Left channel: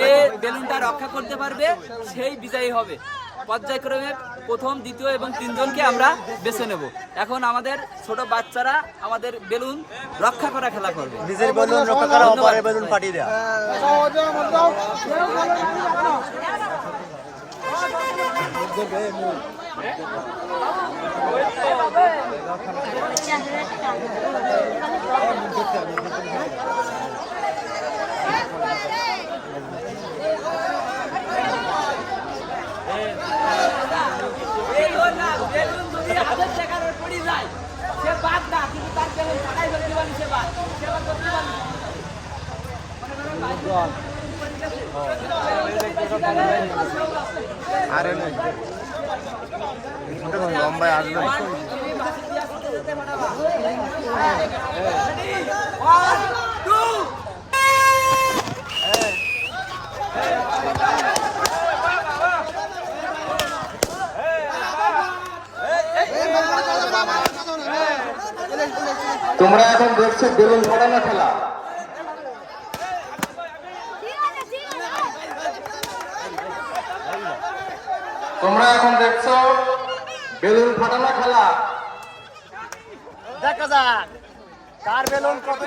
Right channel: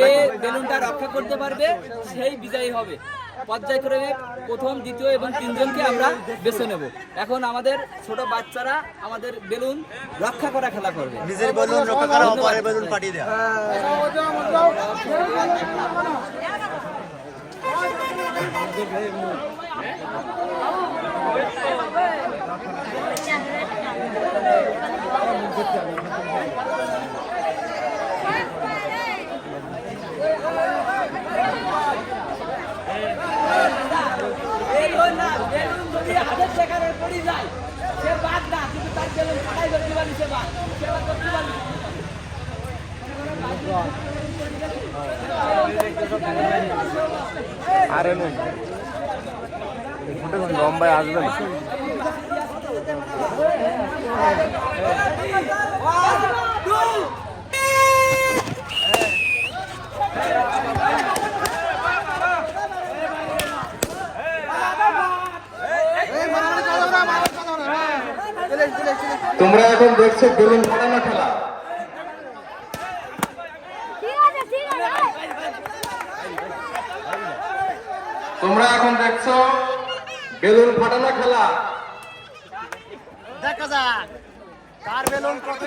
যে বেলুনটা রক্ষা করতে পারবে সেই বিজয়ী হবে। পর্যায়ক্রমে প্রথম দ্বিতীয় এবং তিনজনকে আমরা বেছে নেব। এখন আমাদের ছোট বাচ্চারা আমাদের বেলুন রক্ষা করা খেলা করবে। ধন্যবাদ। পরে বেলুন ফাটিয়ে দেওয়া বেলুন না বেলুন যদি হাতের দেখার পড়ে যায় সে বাদ না কিন্তু তার বেলুন ফাটাই ধরতে পারি সে বাদ সে বাদ করতে পারি আরে নেই এই ফোনটা লম্বায় আসবে না। তোমরা এখন দেখছ বেলুন ফাটানো খেলা। তোমরা এখন দেখছ বেলুন ফাটানো খেলা। দেখা যাক কার বেলুন কত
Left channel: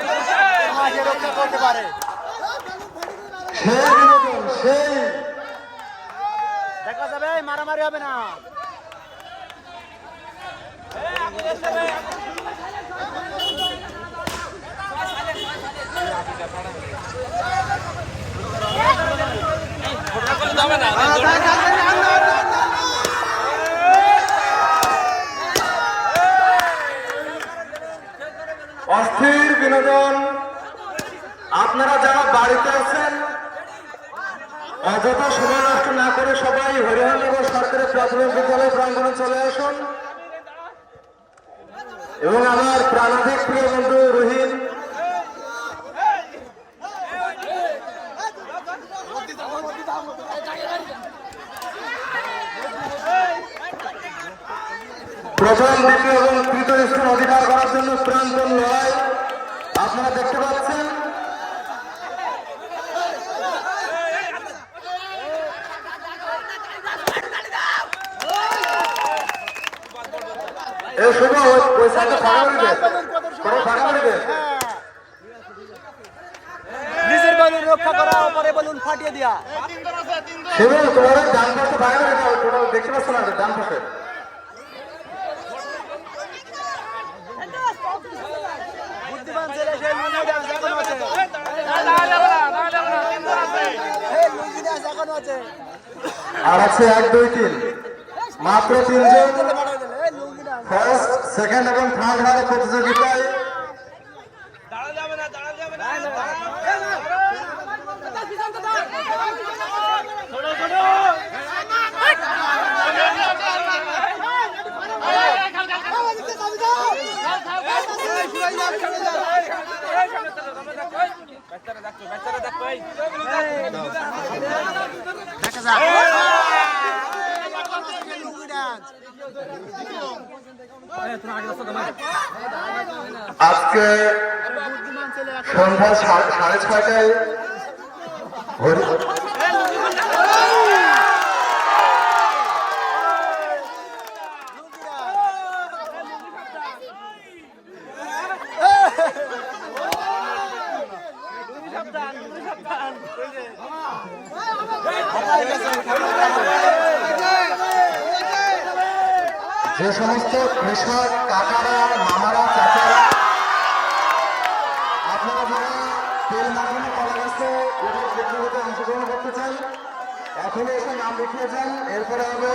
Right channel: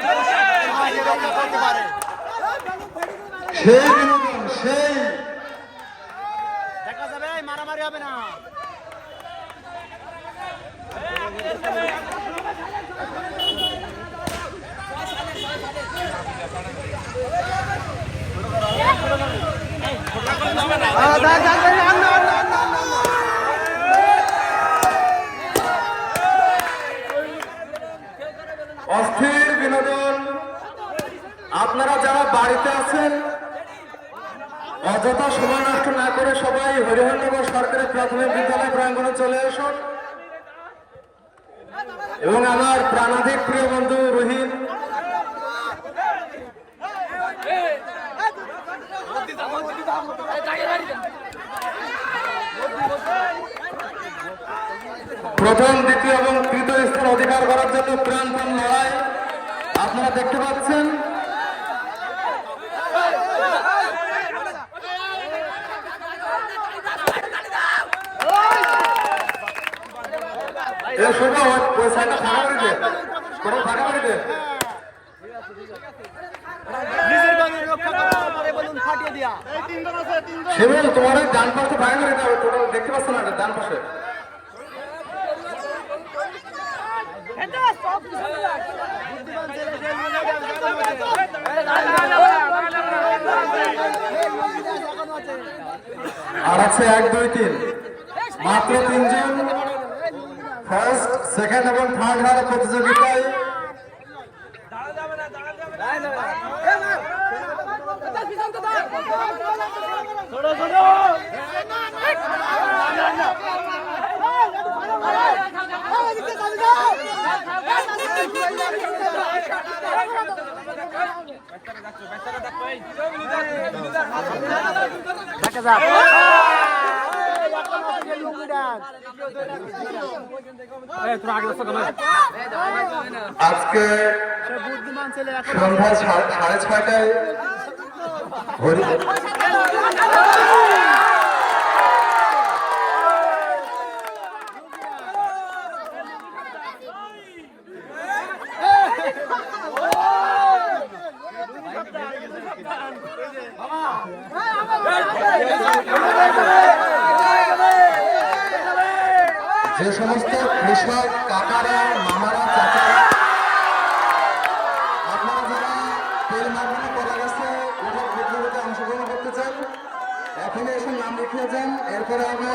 করতে পারে। সেই সেই। দেখা যাবে মারামারি হবে না। বাড়িতে আছেন অযথা সময় নষ্ট না করে সবাই হরিহরনগর সরকারি প্রাথমিক বিদ্যালয় প্রাঙ্গণে চলে আসুন। এবং আমার প্রাণাধিক প্রিয় বন্ধু রহিম প্রথম দ্বিতীয় এই শুভ পয়সাটা ফাঁকা করে দে। তোমরা ফাঁকা করে দে। নিজের বেলুন রক্ষা করা পরে বেলুন ফাটিয়ে দেওয়া শিবু তোমার ডান পাশে ফাঁকা করে দাও তোমরা দেখতে পাচ্ছ না ডান পাশে। আর আছে এক দুই তিন। মাত্র তিনজন। ফার্স্ট সেকেন্ড এবং থার্ড হারা প্রতিযোগিতায় দেখা যাক। আজকে সন্ধ্যা সাড়ে সাড়ে যে সমস্ত কৃষক কাকারা মামারা চাচারা করতে এখন এসে নাম লিখিয়ে যান। এরপরে হবে